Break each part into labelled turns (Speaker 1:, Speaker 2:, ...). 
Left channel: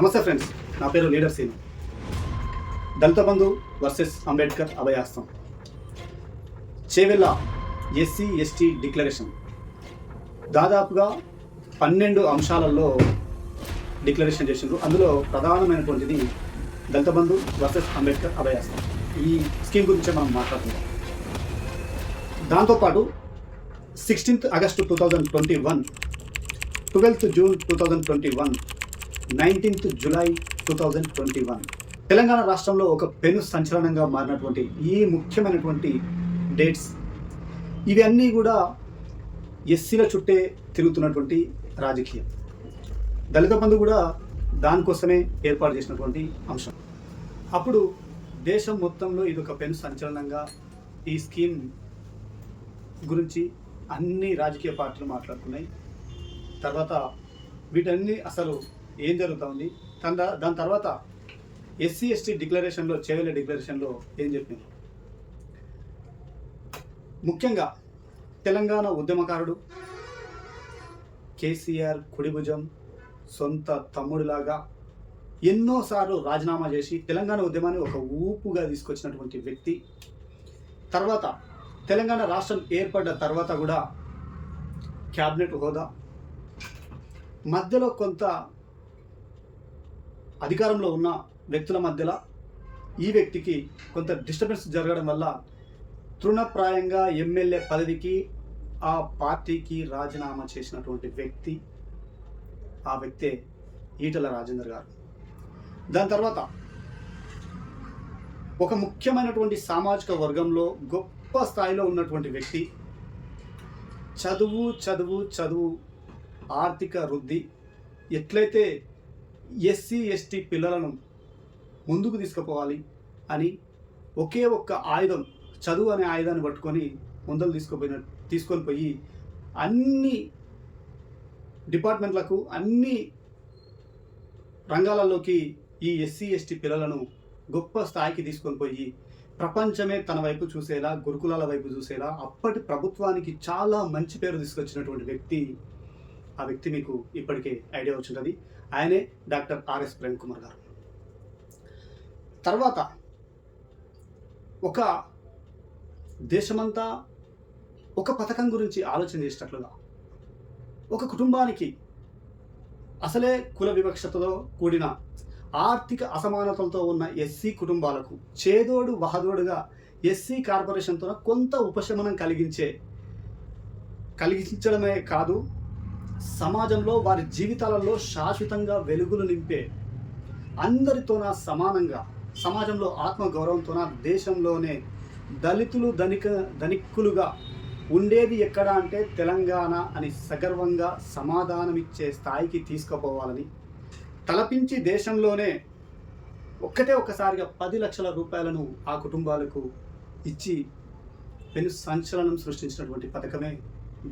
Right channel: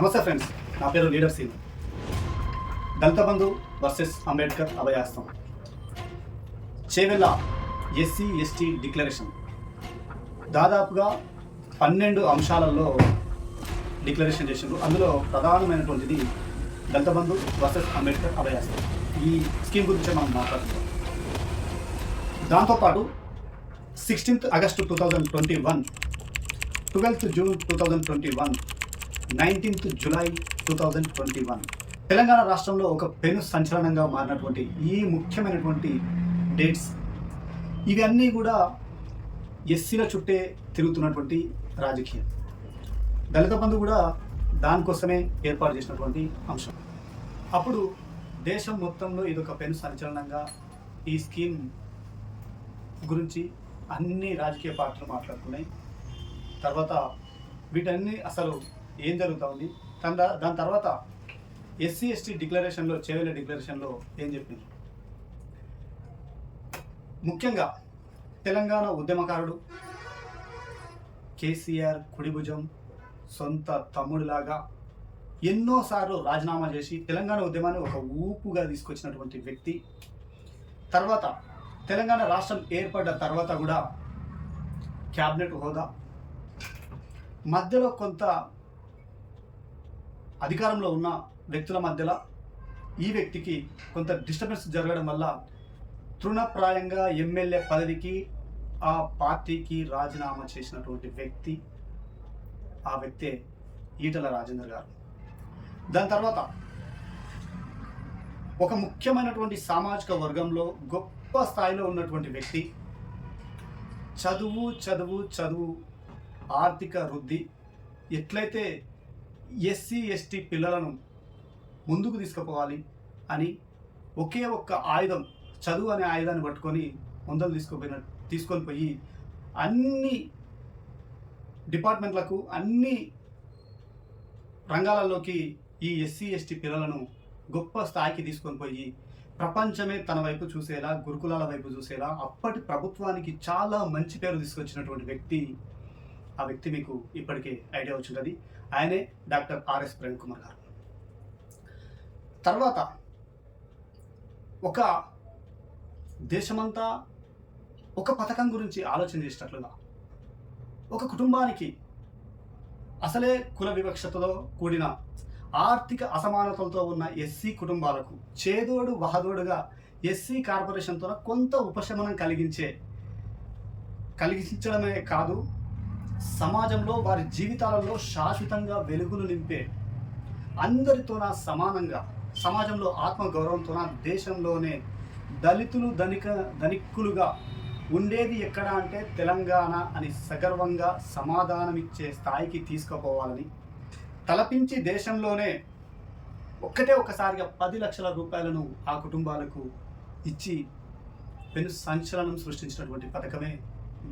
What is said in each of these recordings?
Speaker 1: నమస్తే ఫ్రెండ్స్ నా పేరు leader Seenu Dalita Bandhu versus Ambedkar Abhaya Hastam Chevella SC ST declaration. దాదాపుగా పన్నెండు అంశాలలో డిక్లరేషన్ చేసిండ్రు. అందులో ప్రధానమైనటువంటిది దళిత బంధు వర్సెస్ అంబేద్కర్ అభయాస్తం ఈ స్కీమ్ గురించే మనం మాట్లాడుతున్నాం దాంతోపాటు sixteenth August two thousand twenty one twelfth June two thousand twenty one nineteenth July two thousand twenty one. Telangana రాష్ట్రంలో ఒక పెను సంచలనంగా మారినటువంటి ఈ ముఖ్యమైనటువంటి డేట్స్ ఇవన్నీ కూడా ఎస్సీల చుట్టే తిరుగుతున్నటువంటి రాజకీయం. దళిత బంధు కూడా దానికోసమే ఏర్పాటు చేసినటువంటి అంశం. అప్పుడు దేశం మొత్తంలో ఇది ఒక పెను సంచలనంగా ఈ స్కీమ్ గురించి అన్ని రాజకీయ పార్టీలు మాట్లాడుకున్నాయి. తర్వాత వీటన్ని అసలు ఏం జరుగుతూ ఉంది? దాని దాని తర్వాత ఎస్సీ ఎస్టీ డిక్లరేషన్లో చేవెళ్ళ డిక్లరేషన్లో ఏం చెప్పింది ముఖ్యంగా తెలంగాణ ఉద్యమకారుడు కేసీఆర్ కుడిభుజం సొంత తమ్ముడిలాగా ఎన్నోసార్లు రాజీనామా చేసి తెలంగాణ ఉద్యమాన్ని ఒక ఊపుగా తీసుకొచ్చినటువంటి వ్యక్తి. తర్వాత తెలంగాణ రాష్ట్రం ఏర్పడ్డ తర్వాత కూడా క్యాబినెట్ హోదా. మధ్యలో కొంత అధికారంలో ఉన్న వ్యక్తుల మధ్యలో ఈ వ్యక్తికి కొంత డిస్టర్బెన్స్ జరగడం వల్ల తృణప్రాయంగా ఎమ్మెల్యే పదవికి ఆ పార్టీకి రాజీనామా చేసినటువంటి వ్యక్తి ఆ వ్యక్తే ఈటల రాజేందర్ గారు. దాని తర్వాత ఒక ముఖ్యమైనటువంటి సామాజిక వర్గంలో గొప్ప స్థాయిలో ఉన్నటువంటి వ్యక్తి చదువు చదువు చదువు ఆర్థిక వృద్ధి ఎట్లయితే ఎస్సీ ఎస్టీ పిల్లలను ముందుకు తీసుకుపోవాలి అని ఒకే ఒక్క ఆయుధం చదువు అనే ఆయుధాన్ని పట్టుకొని ముందలు తీసుకుపోయిన తీసుకొని పోయి అన్ని డిపార్ట్మెంట్లకు అన్ని రంగాలలోకి ఈ ఎస్సీ ఎస్టీ పిల్లలను గొప్ప స్థాయికి తీసుకొని పోయి ప్రపంచమే తన వైపు చూసేలా గురుకులాల వైపు చూసేలా అప్పటి ప్రభుత్వానికి చాలా మంచి పేరు తీసుకొచ్చినటువంటి వ్యక్తి ఆ వ్యక్తి మీకు ఇప్పటికే ఐడియా వచ్చింటుంది. ఆయనే డాక్టర్ ఆర్ఎస్ ప్రేమ్ కుమార్ గారు. తర్వాత ఒక దేశమంతా ఒక పథకం గురించి ఆలోచన చేసేటట్లుగా ఒక కుటుంబానికి అసలే కుల వివక్షతతో కూడిన ఆర్థిక అసమానతలతో ఉన్న ఎస్సీ కుటుంబాలకు చేదోడు వహదోడుగా ఎస్సీ కార్పొరేషన్తో కొంత ఉపశమనం కలిగించే కలిగించడమే కాదు సమాజంలో వారి జీవితాలలో శాశ్వతంగా వెలుగులు నింపే అందరితోన సమానంగా సమాజంలో ఆత్మగౌరవంతోన దేశంలోనే దళితులు ధనిక ధనిక్కులుగా ఉండేది ఎక్కడ అంటే తెలంగాణ అని సగర్వంగా సమాధానమిచ్చే స్థాయికి తీసుకుపోవాలని తలపించి దేశంలోనే ఒక్కటే ఒక్కసారిగా పది లక్షల రూపాయలను ఆ కుటుంబాలకు ఇచ్చి పెను సంచలనం సృష్టించినటువంటి పథకమే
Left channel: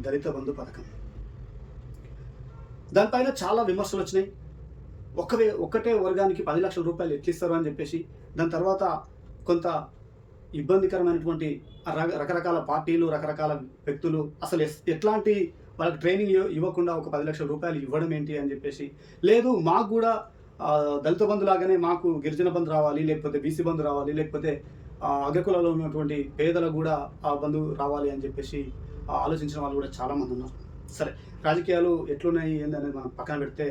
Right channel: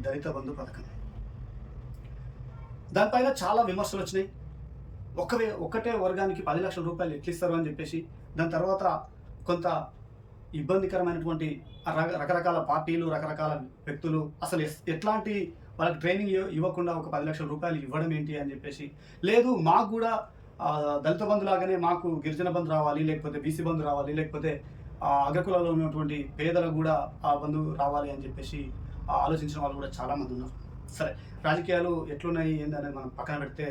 Speaker 1: దళిత బంధు పథకం. దానిపైన చాలా విమర్శలు వచ్చినాయి. ఒకవే ఒక్కటే వర్గానికి పది లక్షల రూపాయలు ఎట్లిస్తారు అని చెప్పేసి దాని తర్వాత కొంత ఇబ్బందికరమైనటువంటి రకరకాల పార్టీలు రకరకాల వ్యక్తులు అసలు ఎస్- ఎట్లాంటి వాళ్ళకి ట్రైనింగ్ ఇవ్వ- ఇవ్వకుండా ఒక పది లక్షల రూపాయలు ఇవ్వడం ఏంటి అని చెప్పేసి లేదు మాకు కూడా దళిత బంధు లాగానే మాకు గిరిజన బంధు రావాలి లేకపోతే బీసీ బంధు రావాలి లేకపోతే అగ్రకులలో ఉన్నటువంటి పేదలకు కూడా ఆ బంధు రావాలి అని చెప్పేసి ఆలోచించిన వాళ్ళు కూడా చాలామంది ఉన్నారు. సరే రాజకీయాలు ఎట్లున్నాయి ఏంది అనేది మనం పక్కన పెడితే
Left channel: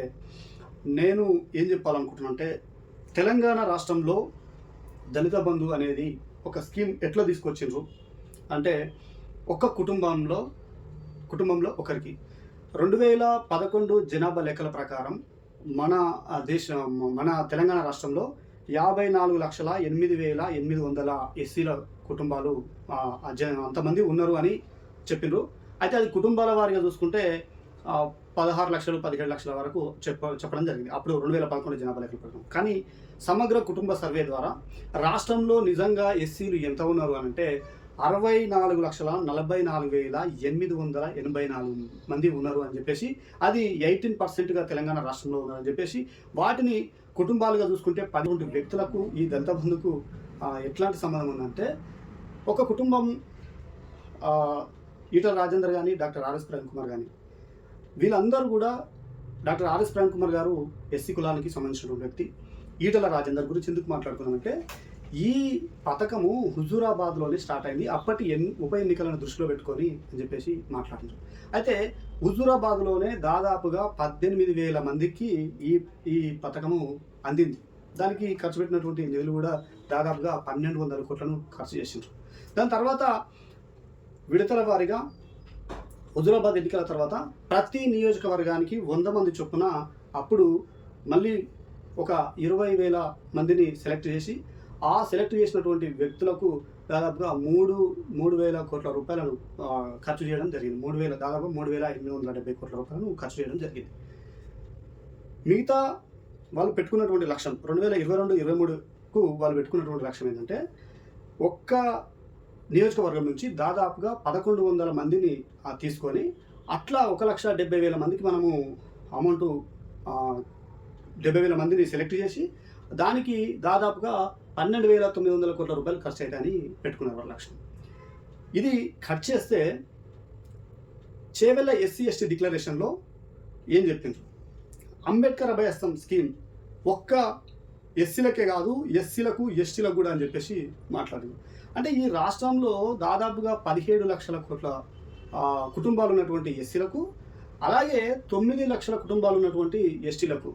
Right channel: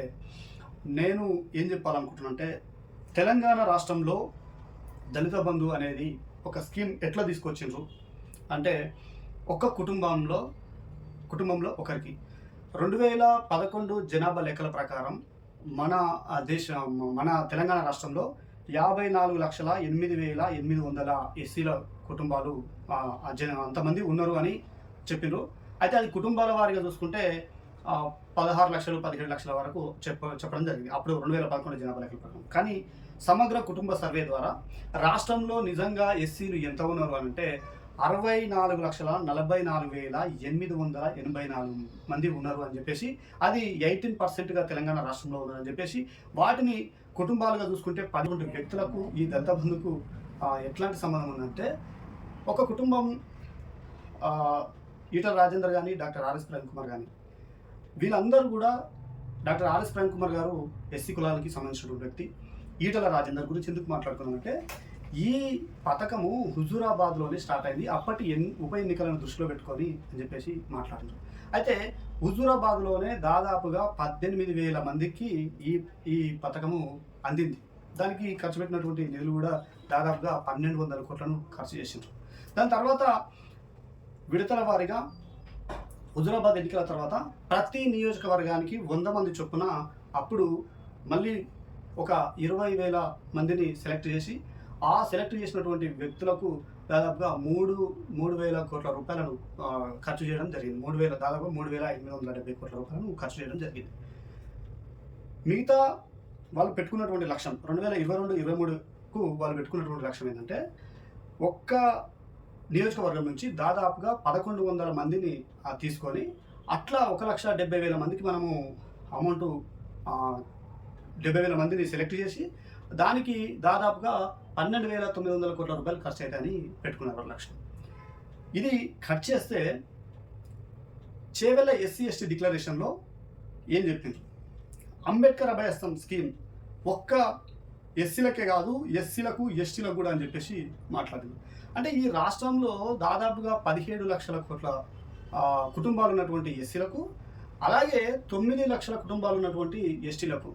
Speaker 1: నేను ఏం చెప్పాలనుకుంటున్నా అంటే తెలంగాణ రాష్ట్రంలో దళిత బంధు అనేది ఒక స్కీమ్ ఎట్లా తీసుకొచ్చిండ్రు? అంటే ఒక కుటుంబంలో కుటుంబంలో ఒకరికి. రెండు వేల పదకొండు జనాభా లెక్కల ప్రకారం మన దేశ మన తెలంగాణ రాష్ట్రంలో యాభై నాలుగు లక్షల ఎనిమిది వేల ఎనిమిది వందల ఎస్సీల కుటుంబాలు అంతమంది ఉన్నారు అని చెప్పిండ్రు. అయితే అది కుటుంబాల వారిగా చూసుకుంటే పదహారు లక్షలు పదిహేడు లక్షల వరకు చెప్ప చెప్పడం జరిగింది. అప్పుడు రెండు వేల పదకొండు జనాభా లెక్కల ప్రకారం. కానీ సమగ్ర కుటుంబ సర్వే ద్వారా రాష్ట్రంలో నిజంగా ఎస్సీలు ఎంత ఉన్నారు అని అంటే అరవై నాలుగు లక్షల నలభై నాలుగు వేల ఎనిమిది వందల ఎనభై నాలుగు మంది ఉన్నారు అని చెప్పేసి అది ఎయిటీన్ పర్సెంట్గా తెలంగాణ రాష్ట్రంలో ఉన్నారని చెప్పేసి వాటిని కుటుంబాలుగా చూసుకుంటే పదకొండు వ్యక్తులకు ఈ దళిత బంధుకు ఎట్లాంటి సంబంధం ఉందంటే ఒక కుటుంబం ఈటల రాజేందర్ కానీ డాక్టర్ ఆర్ఎస్ ప్రేమ్ కుమార్ కానీ వీళ్ళందరూ కూడా డాక్టర్ ఆర్ఎస్ ప్రేమ్ కుమార్ గారు ఎస్సీ కులానికి సంబంధించిన వ్యక్తి. ఈటల రాజేందర్ గురించి ఎందుకు మాట్లాడుకున్నామంటే ఈ పథకము హుజూరాబాద్లోనే స్టార్ట్ అయింది. అప్పటి ఎన్ ఉప ఎన్నికలను దృష్టిలో పెట్టుకొని అని చెప్పేసి మాట్లాడారు అయితే హుజూరాబాద్లోనే దాదాపుగా పద్దెనిమిది వేల మందికి ఈ ఈ పథకము అందింది. దానికి ఖర్చు పెట్టినటువంటి నిధులు కూడా దాదాపుగా పన్నెండు వందల కోట్లను ఖర్చు చేసిండ్రు. దాని తర్వాత విడతల వారీగా హుజురాబాద్ ఎన్నికల తర్వాత ప్రతి నియోజకవర్గానికి వంద మంది చొప్పున అప్పుడు మళ్ళీ ఒక ఇరవై వేల మందిని సెలెక్ట్ చేసి ఆ సెలెక్ట్ చేసినటువంటి వ్యక్తులకు దాదాపుగా మూడు మూడు వేల కోట్ల రూపాయలను ఖర్చు చేయడం జరిగింది. మూడు వేల దాదాపు మూడు వేల ఎనిమిది వందల డెబ్బై కోట్ల రూపాయలను ఖర్చు చేయడం జరిగింది. మిగతా వాళ్ళు పెట్టుకున్నటువంటి లక్ష్యం రెండు వేల ఇరవై రెండు ఇరవై మూడుకు వాళ్ళు పెట్టుకున్నటువంటి లక్ష్యం ఏంటంటే ఒక్క నియోజకవర్గం నుంచి దాదాపుగా పదకొండు వందల మందిని తీసుకొని అట్లా ఒక లక్ష డెబ్బై వేల మందికి మనము అమౌంట్ డెబ్బై వేల మందిని సెలెక్ట్ చేసి దానికి దాదాపుగా పన్నెండు వేల తొమ్మిది వందల కోట్ల రూపాయలు ఖర్చు అవుతాయని పెట్టుకున్నారు వాళ్ళ లక్ష్యం. ఇది ఖర్చు చేస్తే చేవెళ్ళ ఎస్సీ ఎస్టీ డిక్లరేషన్లో ఏం చెప్పిండ్రు? అంబేద్కర్ అభయస్థం స్కీమ్ ఒక్క ఎస్సీలకే కాదు ఎస్సీలకు ఎస్టీలకు కూడా అని చెప్పేసి మాట్లాడింది. అంటే ఈ రాష్ట్రంలో దాదాపుగా పదిహేడు లక్షల కోట్ల కుటుంబాలు ఉన్నటువంటి ఎస్సీలకు అలాగే తొమ్మిది లక్షల కుటుంబాలు ఉన్నటువంటి ఎస్టీలకు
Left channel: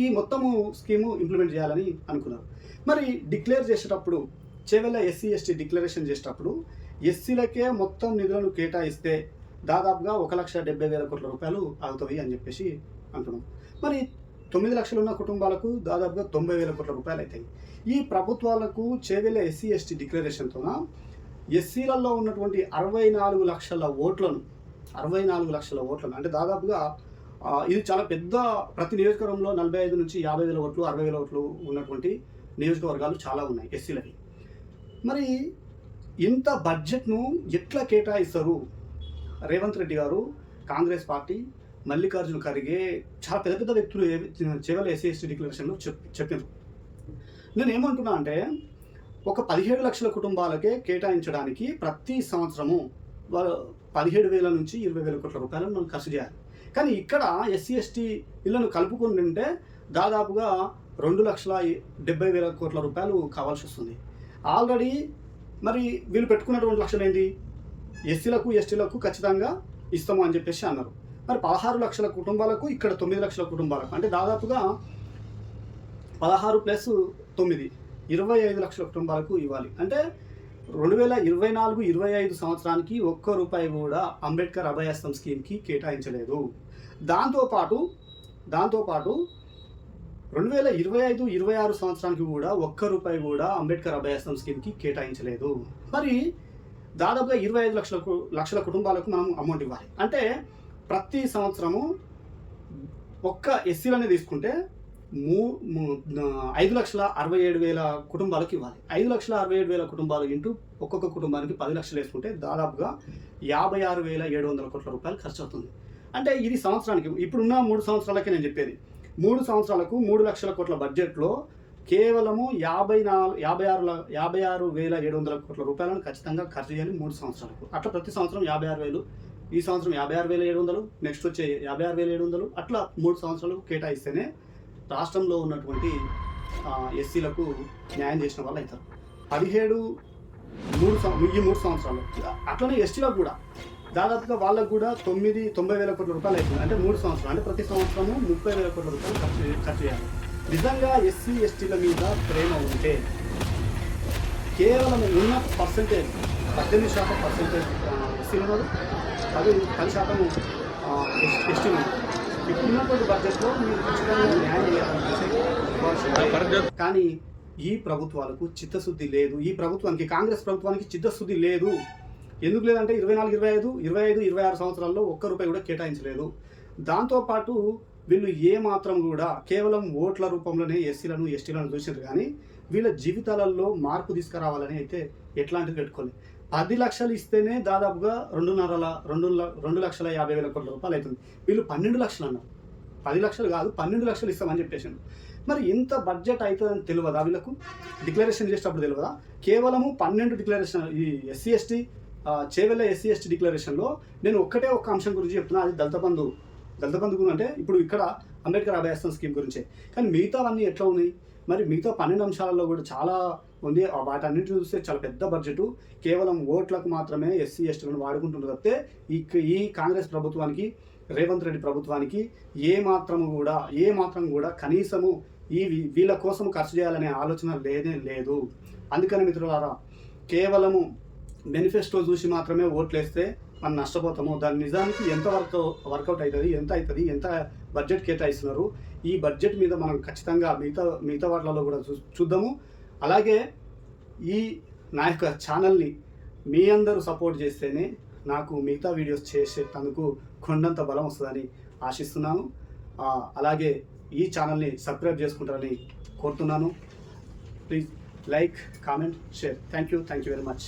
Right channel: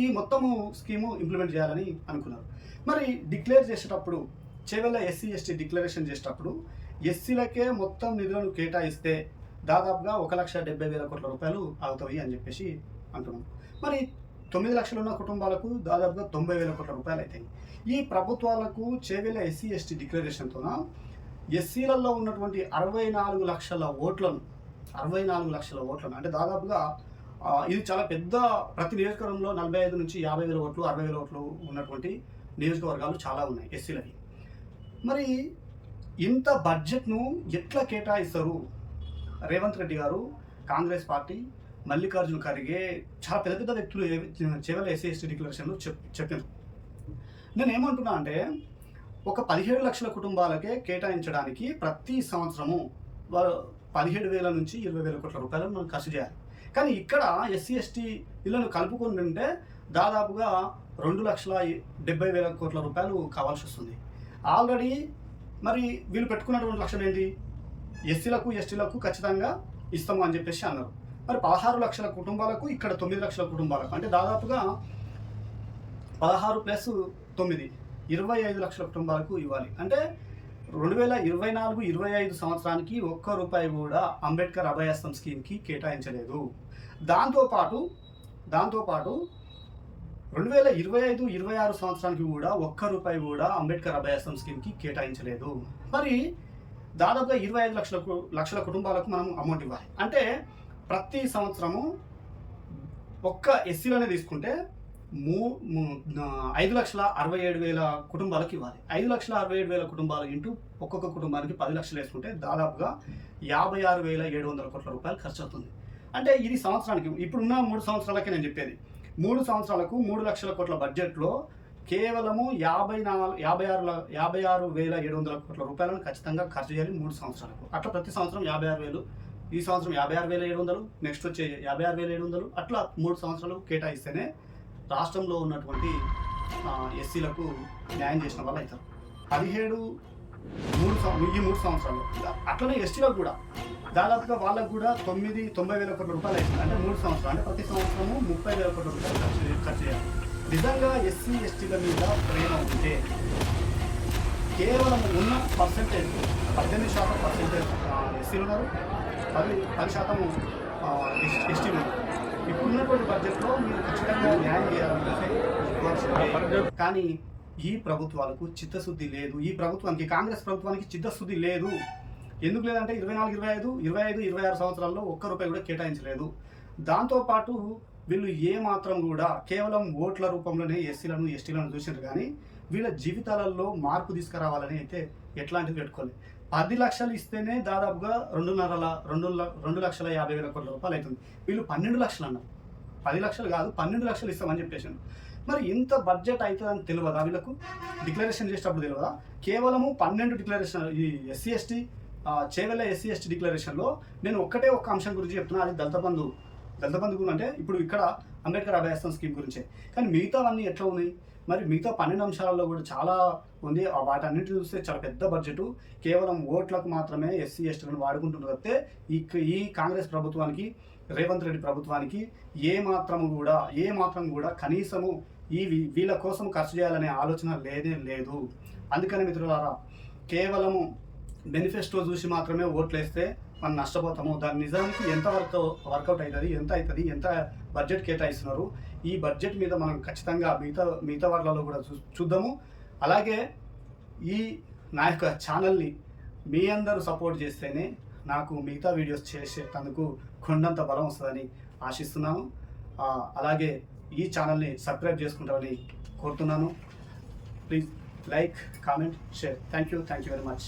Speaker 1: ఈ మొత్తము స్కీము ఇంప్లిమెంట్ చేయాలని అనుకున్నారు. మరి డిక్లేర్ చేసేటప్పుడు చేవెళ్ళ ఎస్సీ ఎస్టీ డిక్లరేషన్ చేసేటప్పుడు ఎస్సీలకే మొత్తం నిధులను కేటాయిస్తే దాదాపుగా ఒక లక్ష డెబ్బై వేల కోట్ల రూపాయలు అవుతాయి అని చెప్పేసి అంటున్నాం. మరి తొమ్మిది లక్షలు ఉన్న కుటుంబాలకు దాదాపుగా తొంభై వేల కోట్ల రూపాయలు అవుతాయి. ఈ ప్రభుత్వాలకు చేవెళ్ళ ఎస్సీ ఎస్టీ డిక్లరేషన్తోన? ఎస్సీలలో ఉన్నటువంటి అరవై నాలుగు లక్షల ఓట్లను అరవై నాలుగు లక్షల ఓట్లను అంటే దాదాపుగా ఇది చాలా పెద్ద ప్రతి నియోజకవర్గంలో నలభై ఐదు నుంచి యాభై వేల ఓట్లు అరవై వేల ఓట్లు ఉన్నటువంటి నియోజకవర్గాలు చాలా ఉన్నాయి ఎస్సీలకి మరి ఇంత బడ్జెట్ను ఎట్లా కేటాయిస్తారు? రేవంత్ రెడ్డి గారు కాంగ్రెస్ పార్టీ మల్లికార్జున ఖర్గే చాలా పెద్ద పెద్ద వ్యక్తులు చివరి ఎస్సీ ఎస్టీ డిక్లరేషన్లో చెప్ చెప్పారు నేను ఏమంటున్నా అంటే ఒక పదిహేడు లక్షల కుటుంబాలకే కేటాయించడానికి ప్రతి సంవత్సరము పదిహేడు వేల నుంచి ఇరవై వేల కోట్ల రూపాయలు మనం ఖర్చు చేయాలి. కానీ ఇక్కడ ఎస్సీ ఎస్టీ ఇళ్ళను కలుపుకుని ఉంటే దాదాపుగా రెండు లక్షల డెబ్బై వేల కోట్ల రూపాయలు కావాల్సి వస్తుంది. ఆల్రెడీ మరి వీళ్ళు పెట్టుకున్నటువంటి లక్ష్యం ఏంటి ఎస్సీలకు ఎస్టీలకు ఖచ్చితంగా ఇస్తాము అని చెప్పేసి అన్నారు. మరి పదహారు లక్షల కుటుంబాలకు ఇక్కడ తొమ్మిది లక్షల కుటుంబాలకు అంటే దాదాపుగా పదహారు ప్లస్ తొమ్మిది ఇరవై ఐదు లక్షల కుటుంబాలకు ఇవ్వాలి. అంటే రెండు వేల ఇరవై నాలుగు ఇరవై ఐదు సంవత్సరానికి ఒక్క రూపాయి కూడా అంబేద్కర్ అభయస్థం స్కీమ్కి కేటాయించలేదు. దాంతోపాటు దాంతోపాటు రెండు వేల ఇరవై ఐదు ఇరవై ఆరు సంవత్సరానికి కూడా ఒక్క రూపాయి కూడా అంబేద్కర్ అభయస్థం స్కీమ్కి కేటాయించలేదు. మరి దాదాపుగా ఇరవై ఐదు లక్షల లక్షల కుటుంబాలకు మనం అమౌంట్ ఇవ్వాలి. అంటే ప్రతి సంవత్సరము ఒక్క ఎస్సీలోనే తీసుకుంటే మూ ఐదు లక్షల అరవై ఏడు వేల కుటుంబాలకు ఇవ్వాలి. ఐదు లక్షల అరవై ఏడు వేల కుటుంబాలు ఇంటూ ఒక్కొక్క కుటుంబానికి పది లక్షలు వేసుకుంటే దాదాపుగా యాభై ఆరు వేల ఏడు వందల కోట్ల రూపాయలు ఖర్చు అవుతుంది అంటే ఇది సంవత్సరానికి ఇప్పుడున్న మూడు సంవత్సరాలకే నేను చెప్పేది. మూడు సంవత్సరాలకు మూడు లక్షల కోట్ల బడ్జెట్లో కేవలము యాభై నాలుగు యాభై ఆరు యాభై ఆరు వేల ఏడు వందల కోట్ల రూపాయలను ఖచ్చితంగా ఖర్చు చేయాలి మూడు సంవత్సరాలకు. అట్లా ప్రతి సంవత్సరం యాభై ఆరు వేలు ఈ సంవత్సరం యాభై ఆరు వేల ఏడు వందలు నెక్స్ట్ వచ్చే యాభై ఆరు వేల ఏడు వందలు అట్లా మూడు సంవత్సరాలు కేటాయిస్తేనే రాష్ట్రంలో ఉన్నటువంటి ఎస్సీలకు న్యాయం చేసిన వాళ్ళు అవుతారు. పదిహేడు మూడు ఈ మూడు సంవత్సరాలు. అట్లనే ఎస్టీలకు కూడా. దాదాపుగా వాళ్ళకు కూడా తొమ్మిది తొంభై వేల కోట్ల రూపాయలు అవుతుంది. అంటే మూడు సంవత్సరాలు. అంటే ప్రతి సంవత్సరము ముప్పై వేల కోట్ల రూపాయలు ఖర్చు ఖర్చు చేయాలి. నిజంగా ఎస్సీ ఎస్టీల మీద ప్రేమ ఉంటే కేవలం ఉన్న పర్సెంటేజ్ పద్దెనిమిది శాతం పర్సెంటేజ్ ఎస్సీలు ఉన్నారు. పది పది శాతం ఎస్టీ ఉన్నారు ఇప్పుడున్నటువంటి బడ్జెట్లో మీరు ఖచ్చితంగా న్యాయం చేయాలనుకుంటే కానీ ఈ ప్రభుత్వాలకు చిత్తశుద్ధి లేదు. ఈ ప్రభుత్వానికి కాంగ్రెస్ ప్రభుత్వానికి చిత్తశుద్ధి లేదు. ఎందుకు లేదంటే ఇరవై నాలుగు ఇరవై ఐదు ఇరవై ఐదు ఇరవై ఆరు సంవత్సరాల్లో ఒక్క రూపాయి కూడా కేటాయించలేదు. దాంతోపాటు వీళ్ళు ఏ మాత్రం కూడా కేవలం ఓట్ల రూపంలోనే ఎస్సీలను ఎస్టీలను చూసినారు కానీ వీళ్ళ జీవితాలలో మార్పు తీసుకురావాలని అయితే ఎట్లాంటిది పెట్టుకోలేదు. పది లక్షలు ఇస్తేనే దాదాపుగా రెండున్నర రెండు రెండు లక్షల యాభై వేల కోట్ల రూపాయలు అవుతుంది. వీళ్ళు పన్నెండు లక్షలు అన్నారు. పది లక్షలు కాదు పన్నెండు లక్షలు ఇస్తామని చెప్పేసాను మరి ఇంత బడ్జెట్ అవుతుందని తెలియదా వీళ్ళకు? డిక్లరేషన్ చేసేటప్పుడు తెలియదా? కేవలము పన్నెండు డిక్లరేషన్ ఈ SC ST Chevella SC ST డిక్లరేషన్లో నేను ఒక్కటే ఒక్క అంశం గురించి చెప్తున్నా. అది దళిత బంధు దళిత బంధు గురించి అంటే ఇప్పుడు ఇక్కడ అంబేద్కర్ అభయాస్తం స్కీమ్ గురించే. కానీ మిగతావన్నీ ఎట్లా ఉన్నాయి? మరి మిగతా పన్నెండు అంశాలలో కూడా చాలా ఉంది. వాటన్నిటిని చూస్తే చాలా పెద్ద బడ్జెట్ కేవలం ఓట్లకు మాత్రమే ఎస్సీ ఎస్టీలను వాడుకుంటున్నారు తప్పితే ఈ ఈ కాంగ్రెస్ ప్రభుత్వానికి రేవంత్ రెడ్డి ప్రభుత్వానికి ఏ మాత్రం కూడా ఏ మాత్రం కూడా కనీసము ఈ వీ- వీళ్ళ కోసం ఖర్చు చేయాలనే ఆలోచన లేదే లేదు. అందుకని మిత్రులారా కేవలము మేనిఫెస్టో చూసి మాత్రమే ఓట్లేస్తే మనం నష్టపోతాము. దాని నిజానికి ఎంత వర్క్ వర్కౌట్ అవుతుంది ఎంత అవుతుంది ఎంత బడ్జెట్ కేటాయిస్తున్నారు? ఈ బడ్జెట్ మీద మనం ఖచ్చితంగా మిగతా మిగతా వాటిలలో కూడా చూ చూద్దాము. అలాగే ఈ నా యొక్క ఛానల్ని మీ అందరూ సపోర్ట్ చేస్తేనే నాకు మిగతా వీడియోస్ చేసేటందుకు కొండంత బలం వస్తుందని ఆశిస్తున్నాను. అలాగే ఈ ఛానల్ని సబ్స్క్రైబ్ చేసుకుంటారని కోరుతున్నాను. Please like comment share. Thank you thank you very much.